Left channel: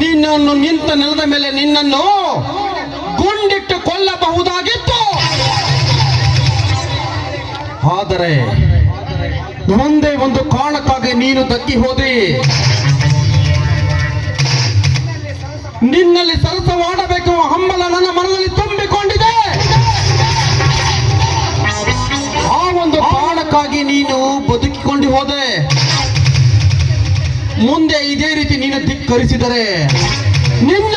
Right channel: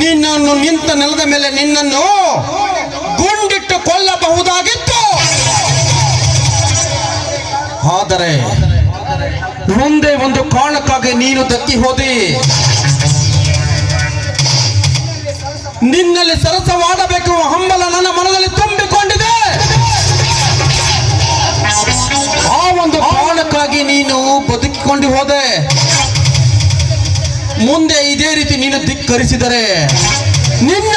ನಿನ್ನನ್ನು ನಿಂತ ನೆಲದ ಮೇಲೆ ನಿನ್ನನ್ನು ಗುಂಡಿಟ್ಟು ಕೊಲ್ಲಬಹುದಾಗಿತ್ತು. ಆದರೆ ಒಂದೇ ಒಂದು ಕಾರಣಕ್ಕಾಗಿ ನೀನು ದಕ್ಕಿ ಹೋದೆ. ನಿನ್ನಲ್ಲಿ ಸರಸವಾಡಬೇಕು ಹಂಬಲ ನನ್ನ ಮನದಲ್ಲಿ ತುಂಬಿಕೊಂಡಿದೆ. ಆ ಒಂದು ಕಾರಣಕ್ಕಾಗಿ ನೀನು ಬದುಕಿಕೊಂಡು ಹೋದೆ. ಮುಂದೆ ಇದೇ ರೀತಿ ನೀನು ಧಿಕ್ಕರಿಸಿದರೆ ನಿನ್ನ